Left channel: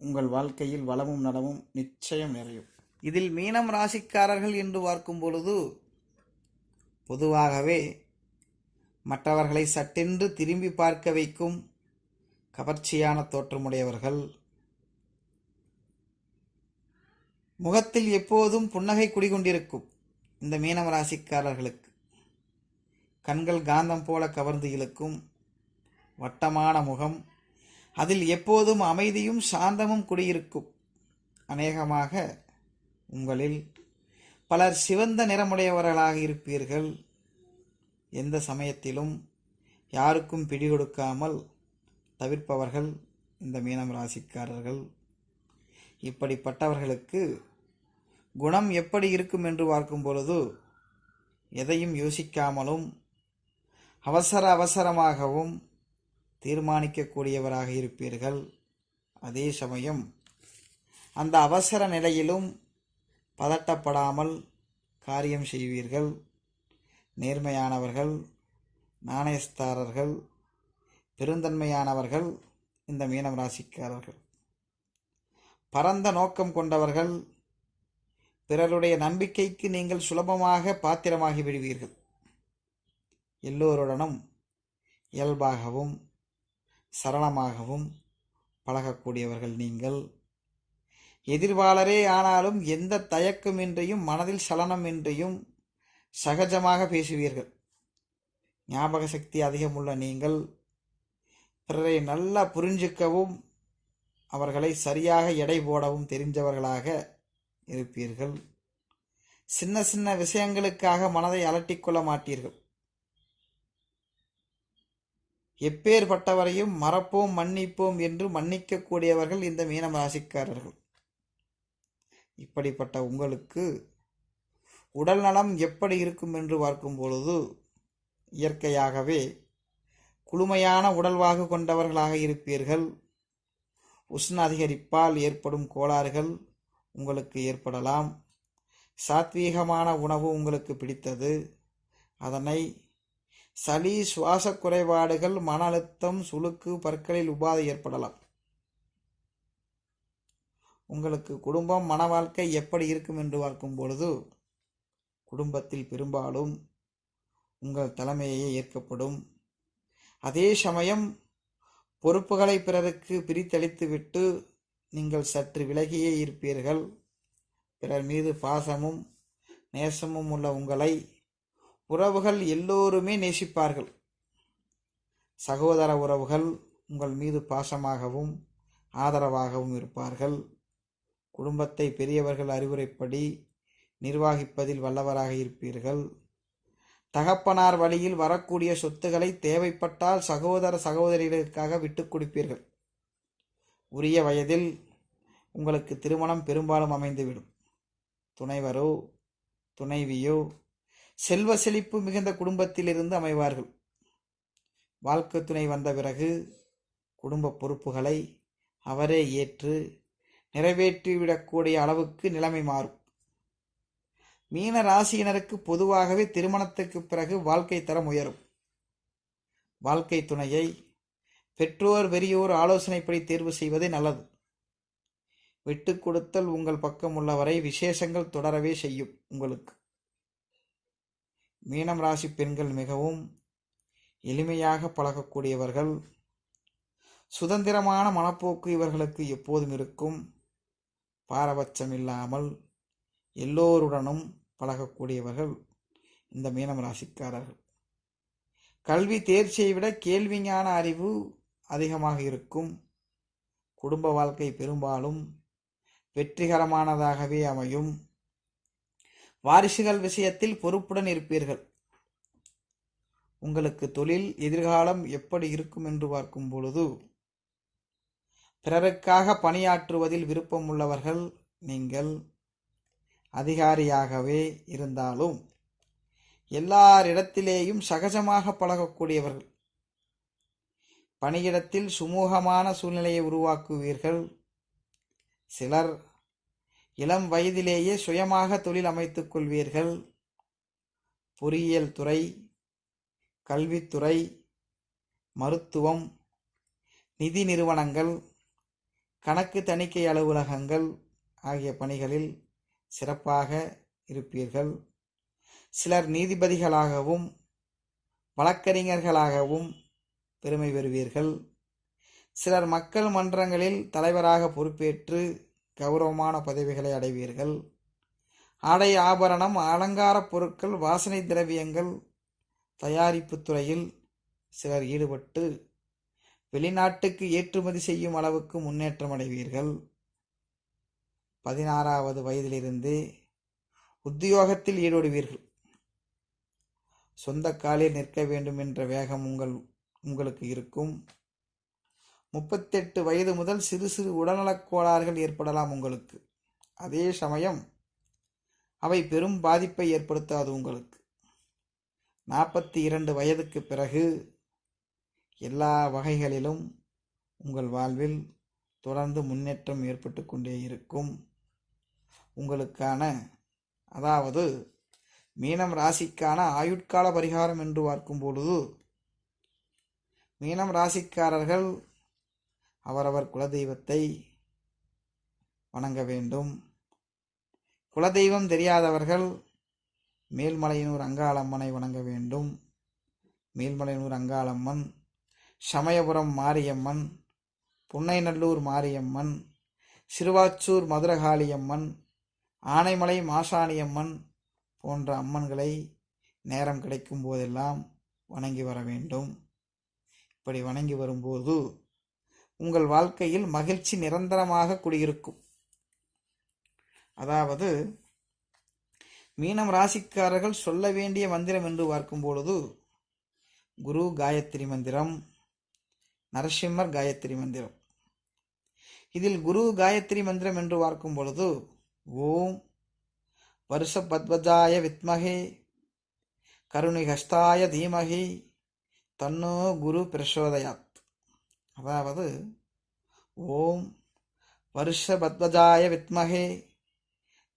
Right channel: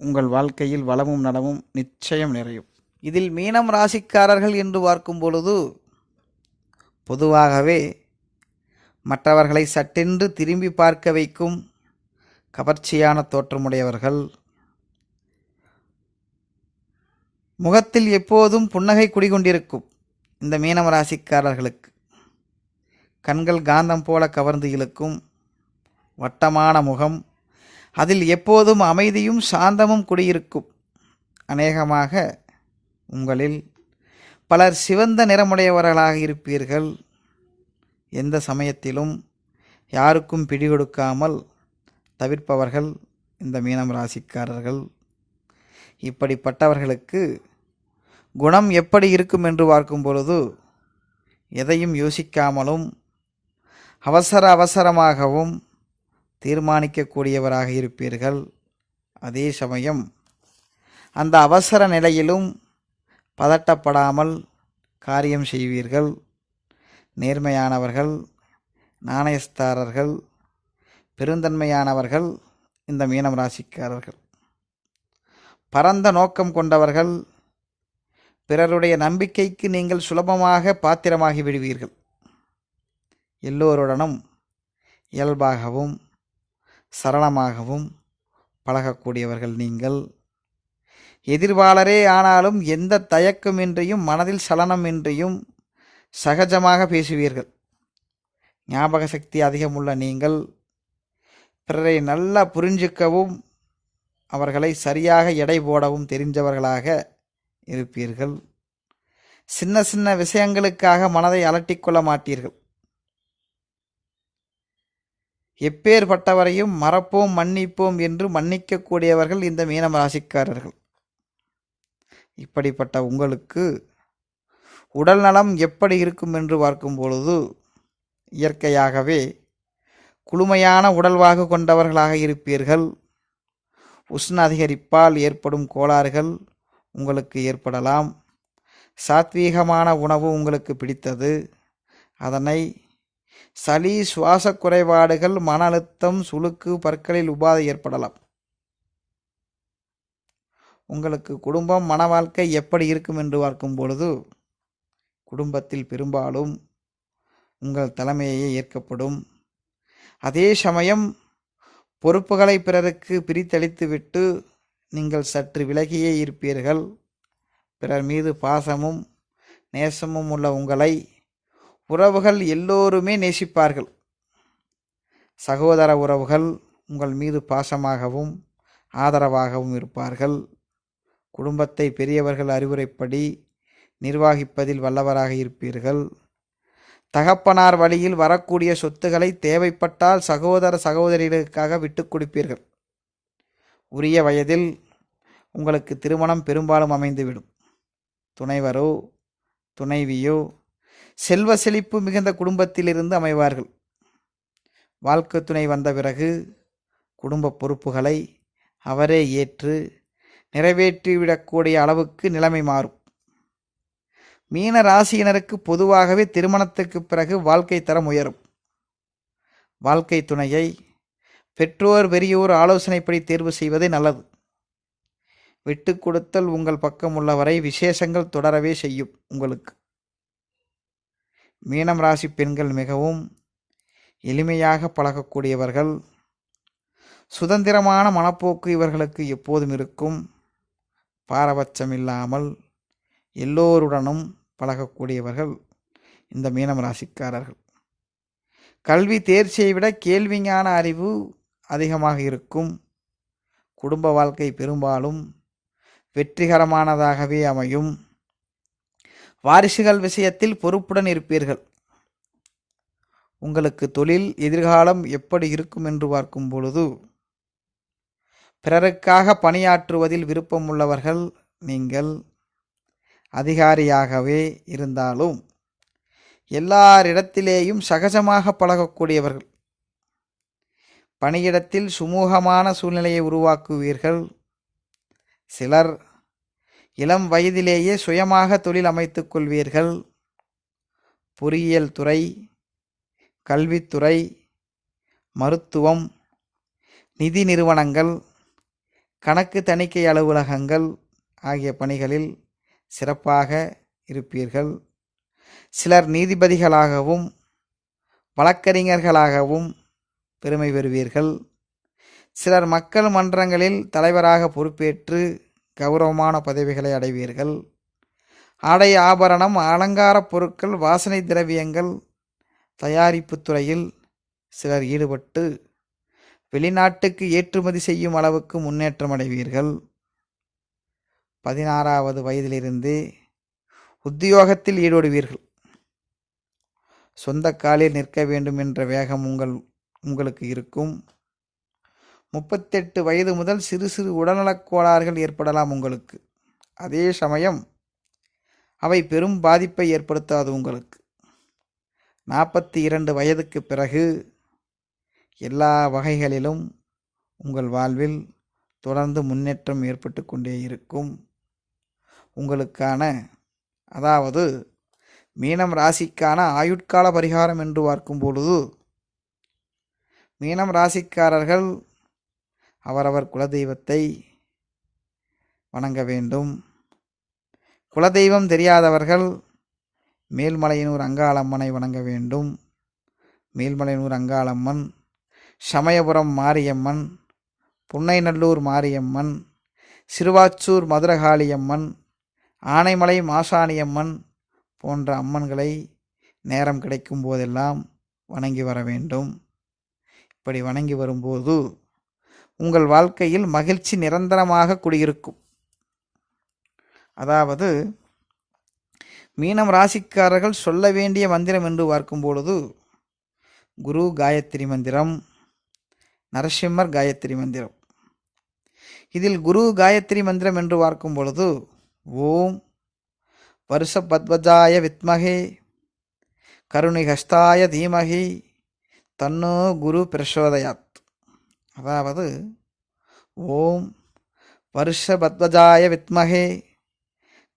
உங்கள் வாழ்க்கையில் வளமும் நலமும் நிச்சயம் நிறையும். இதில் மீனம் ராசிக்காரர்கள் என்று பார்க்கும் பொழுது பொதுவாகவே மற்றவர்களை சட்டென்று திரும்பி பார்க்க வைக்கும் கவர்ச்சியான தோற்றமுடையவர்கள் முகத்தில் எப்போதும் புன்னகை குடிகொண்டிருக்கும் இந்த மீனம் ராசிக்காரர்களுக்கு. கண்கள் காந்தம் போல கவர்ந்து இழுக்கும் வட்டமான முகம் அதில் எப்போதும் அமைதியும் சாந்தமும் குடியிருக்கும். அநேகமாக உங்களில் பலர் சிவந்த நிறமுடையவர்களாக இருப்பீர்கள். எந்த சமயத்திலும் யாருக்கும் பிடி கொடுக்காமல் தவிர்ப்பவர்கள் இந்த மீனம் ராசிக்காரர்கள். இப்படிப்பட்டவர்களுக்கு குணம் எப்படி இருக்கும் என்று பார்க்கும் பொழுது எதையும் யோசிக்காமலும் அவசர அவசரமாகவும் தீர்மானிக்கக்கூடியவராக இருப்பீர்கள். அதே சமயம் அந்த அவசர நிலையிலும் பதட்டப்படாமல் காரியம் செய்வீர்கள். நேர்மையானவர்கள் நாணயஸ்தாரர்கள் பெருந்தன்மையானவர்கள் இந்த மீனம் ராசிக்காரர்கள். பரந்த நோக்கம் கொண்டவர்கள் பிறருடைய நம்பிக்கைக்கு நீங்கள் சுலபமாக பாத்திரமாகி விடுவீர்கள். எல்லோருடனும் இயல்பாகவும் சரளமாகவும் பழகக்கூடியவர்கள் நீங்கள். எதிர்வாளரே ஆனாலும் எந்த தயக்கமின்றியும் மனதில் சலனமின்றியும் சகஜமாக பேசுவீர்கள். ஞாபக சக்தி அதிகமுள்ள நீங்கள் பிறரை நல்லா புரிஞ்சிக்கவும் அவர்களை சரியாக எடை போடவும் தெரிஞ்சவர்களாக இருப்பீர்கள். சின்ன சின்ன விஷயங்களுக்காக மனதை அலட்டிக்கொள்ள மாட்டீர்கள். எப்பேற்பட்டவரையும் மறப்போம் மன்னிப்போம் என்று மன்னிக்கக்கூடியவர்கள் இந்த மீனம் ராசிக்காரர்கள். இப்படிப்பட்ட உங்களுக்கு உடல் நலம் எப்படி இருக்கும் என்று பார்க்கும் பொழுது இயற்கையாகவே குளுமையான உடல்வாகு கொண்டவர்களாக இருப்பீர்கள். உஷ்ண அதிகரிப்பால் ஏற்படும் கோளாறுகள் உங்களுக்கு ஏற்படலாம். சாத்வீகமான உணவு உங்களுக்கு பிடித்தது. அதனை சளி சுவாச குறைபாடுகள் மன அழுத்தம் சுளுக்கு பற்களில் உபாதை ஏற்படலாம். உங்களுக்கு குடும்பம் மன வாழ்க்கை எப்படி இருக்கும் என்று பார்க்கும் பொழுது குடும்பத்தில் பெரும்பாலும் உங்கள் தலைமையே ஏற்கப்படும். அதே சமயம் பொறுப்புகளை பிறருக்கு பிரித்தளித்துவிட்டு நீங்கள் சற்று விலகியே இருப்பீர்கள். பிறர் மீது பாசமும் நேசமும் உள்ள உங்களை உறவுகள் எல்லோருமே நேசிப்பார்கள். சகோதர உறவுகள் உங்கள் மீது பாசமாகவும் ஆதரவாகவும் இருப்பார்கள். குடும்பத்தை பெரியவர்கள் அறிவுரைப்படி நிர்வகிப்பதில் வல்லவராக இருப்பீர்கள். தகப்பனார் வழியில் வரக்கூடிய சொத்துக்களை தேவைப்பட்டால் சகோதர சகோதரிகளுக்காக விட்டுக் கொடுப்பீர்கள். உரிய வயதில் உங்களுக்கு திருமணம் பெரும்பாலும் அமைந்துவிடும். துணைவரோ துணைவியோ செல்வ செழிப்பு மிகுந்த குடும்பத்திலிருந்து அமைவார்கள். வாழ்க்கை துணை வந்த பிறகு குடும்ப பொறுப்புகளை அவரே ஏற்று நிறைவேற்றிவிடக்கூடிய அளவுக்கு நிலைமை மாறும். மீன ராசியினருக்கு பொதுவாகவே திருமணத்துக்கு பிறகு வாழ்க்கை தரம் உயரும். வாழ்க்கை துணையை பெற்றோர் பெரியோர் ஆலோசனைப்படி தேர்வு செய்வதே நல்லது. விட்டு கொடுத்தல் உங்கள் பக்கம் உள்ளவரை விசேஷங்கள் தொடரவே செய்யும் உங்களுக்கு. மீனம் ராசி பெண்கள் மிகவும் எளிமையாக பழகக்கூடியவர்கள். சுதந்திரமான மனப்போக்கு இவர்களுக்கு எப்போதும் இருக்கும். பாரபட்சம் இல்லாமல் எல்லோருடனும் பழகக்கூடியவர்கள் இந்த மீனம் ராசிக்காரர்கள். கல்வி தேர்ச்சியை விட கேள்விஞான அறிவு அதிகமாக இருக்கும். குடும்ப வாழ்க்கை பெரும்பாலும் வெற்றிகரமானதாகவே அமையும். வாரிசுகள் விஷயத்தில் பொறுப்புடன் இருப்பீர்கள். உங்களுக்கு தொழில் எதிர்காலம் எப்படி இருக்கும் என்று பார்க்கும் பொழுது பிறருக்காக பணியாற்றுவதில் விருப்பம் உள்ளவர்கள் நீங்கள் அதிகாரியாகவே இருந்தாலும் எல்லாரிடத்திலேயும் சகஜமாக பழகக்கூடியவர்கள். பணியிடத்தில் சுமூகமான சூழ்நிலையை உருவாக்குவீர்கள். சிலர் இளம் வயதிலேயே சுயமாக தொழில் அமைத்துக் கொள்வீர்கள். பொறியியல் துறை கல்வித்துறை மருத்துவம் நிதி நிறுவனங்கள் கணக்கு தணிக்கை அலுவலகங்கள் ஆகிய பணிகளில் சிறப்பாக இருப்பீர்கள். சிலர் நீதிபதிகளாகவும் வழக்கறிஞர்களாகவும் பெருமை பெறுவீர்கள். சிலர் மக்கள் மன்றங்களில் தலைவராக பொறுப்பேற்று கௌரவமான பதவிகளை அடைவீர்கள். ஆடை ஆபரணம் அலங்கார பொருட்கள் வாசனை திரவியங்கள் தயாரிப்பு துறையில் சிலர் ஈடுபட்டு வெளிநாட்டுக்கு ஏற்றுமதி செய்யும் அளவுக்கு முன்னேற்றம் அடைவீர்கள். பதினாறாவது வயதிலிருந்து உத்தியோகத்தில் ஈடுபடுவீர்கள் சொந்த காலில் நிற்க வேண்டும் என்ற வேகம் உங்கள் உங்களுக்கு இருக்கும். முப்பத்தெட்டு வயது முதல் சிறு சிறு உடல்நலக் கோளாறுகள் ஏற்படலாம் உங்களுக்கு. அதே சமயம் அவை பெரும் பாதிப்பை ஏற்படுத்தாது உங்களுக்கு. நாற்பத்தி இரண்டு வயதுக்கு பிறகு எல்லா வகைகளிலும் உங்கள் வாழ்வில் தொடர்ந்து முன்னேற்றம் ஏற்பட்டு கொண்டே இருக்கும். உங்களுக்கான அதாவது மீனம் ராசிக்கான ஆயுட்கால பரிகாரம் என்று பார்க்கும் பொழுது மீனம் ராசிக்காரர்கள் அவரவர் குலதெய்வத்தை வணங்க வேண்டும். குலதெய்வம் தெரியாதவர்கள் மேல்மலையனூர் அங்காளம்மனை வணங்க வேண்டும். மேல்மலையனூர் அங்காளம்மன் சமயபுரம் மாரியம்மன் புன்னைநல்லூர் மாரியம்மன் சிறுவாச்சூர் மதுரகாளியம்மன் ஆனைமலை மாசாணியம்மன் போன்ற அம்மன்களை நேரம் கிடைக்கும் போதெல்லாம் வணங்கி வர வேண்டும். இப்படி வணங்கி வரும்போது உங்கள் வாழ்க்கையில் மகிழ்ச்சி நிரந்தரமாக குடியிருக்கும். அதாவது மீனம் ராசிக்காரர்கள் சொல்ல வேண்டிய மந்திரம் என்று பார்க்கும் பொழுது குரு காயத்ரி மந்திரம் நரசிம்மர் காயத்ரி மந்திரம். இதில் குரு காயத்ரி மந்திரம் என்று பார்க்கும் பொழுது ஓம் வருஷ பத்வஜாய வித்மகே கருணிகஸ்தாய தீமகி தன்னோ குரு பிரசோதயாத். அதாவது ஓம் வருஷ பத்வஜாய வித்மகே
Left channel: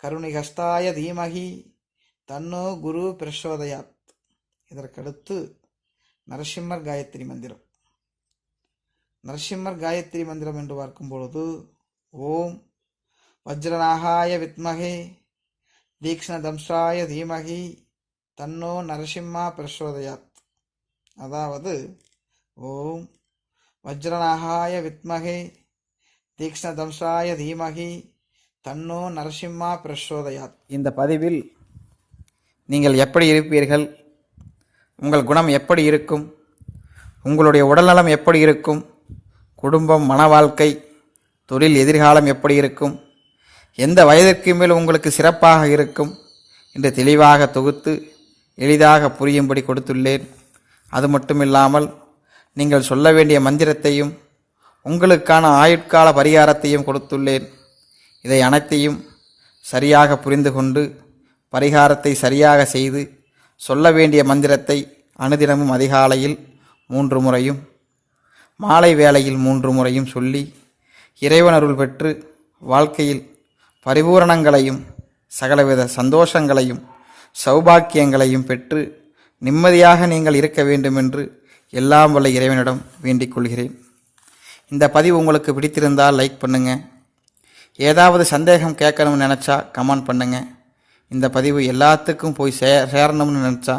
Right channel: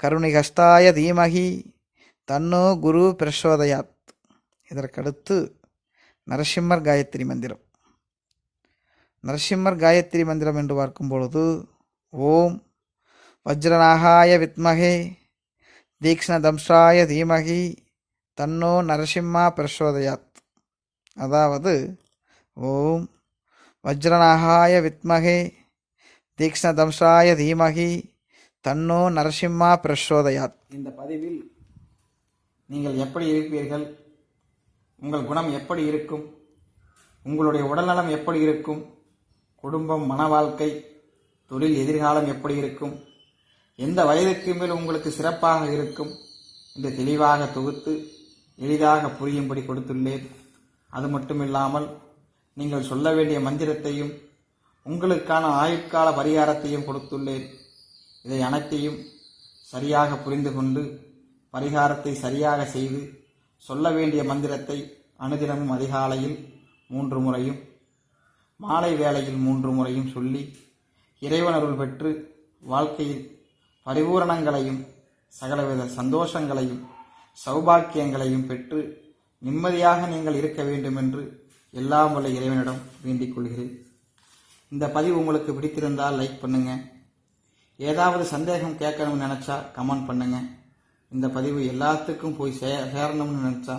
கருணிகஸ்தாய தீமகி தன்னோ குரு பிரசோதயாத். இதற்கடுத்து நரசிம்மர் காயத்ரி மந்திரம். நரசிம்மர் காயத்ரி மந்திரம் என்று பார்க்கும் பொழுது ஓம் வஜ்ரநாகாய வித்மகே தீக்ஷ்ணதம்சாய தீமகி தன்னோ நரசிம்மா பிரசோதயாத். அதாவது ஓம் வஜ்ரநாகாய வித்மகே தீக்ஷ்ணதம்சாய தீமகி தன்னோ நரசிம்மா பிரசோதயாத். இந்த பதிவில் நீங்கள் எப்படி இருப்பீர்கள்? உங்கள் குணம் எப்படி இருக்கும்? உங்களுடைய உடல்நலம் எப்படி இருக்கும்? குடும்பம் மன வாழ்க்கை தொழில் எதிர்காலம் எப்படி இருக்கும்? எந்த வயதிற்கு மேல் உங்களுக்கு சிறப்பாக இருக்கும்? என்று தெளிவாக தொகுத்து எளிதாக புரியும்படி கொடுத்துள்ளேன். அது மட்டுமில்லாமல் நீங்கள் சொல்ல வேண்டிய மந்திரத்தையும் உங்களுக்கான ஆயுட்கால பரிகாரத்தையும் கொடுத்துள்ளேன். இதை அனைத்தையும் சரியாக புரிந்து கொண்டு பரிகாரத்தை சரியாக செய்து சொல்ல வேண்டிய மந்திரத்தை அனுதினமும் அதிகாலையில் மூன்று முறையும் மாலை வேளையில் மூன்று முறையும் சொல்லி இறைவனருள் பெற்று வாழ்க்கையில் பரிபூரணங்களையும் சகலவித சந்தோஷங்களையும் சௌபாக்கியங்களையும் பெற்று நிம்மதியாக நீங்கள் இருக்க வேண்டுமென்று எல்லாம் வல்ல இறைவனிடம் வேண்டிக் கொள்கிறேன். இந்த பதிவு உங்களுக்கு பிடித்திருந்தால் லைக் பண்ணுங்கள் ஏதாவது சந்தேகம் கேட்கணும்னு நினச்சா கமெண்ட் பண்ணுங்கள் இந்த பதிவு எல்லாத்துக்கும் போய் சே சேரணும்னு நினச்சா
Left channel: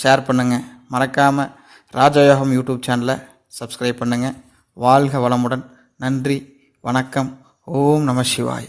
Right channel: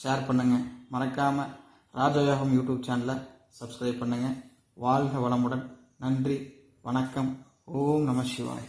ஷேர் பண்ணுங்கள் மறக்காமல் ராஜயோகம் யூடியூப் சேனலை சப்ஸ்கிரைப் பண்ணுங்கள் வாழ்க வளமுடன். நன்றி வணக்கம். ஓம் நம சிவாய்.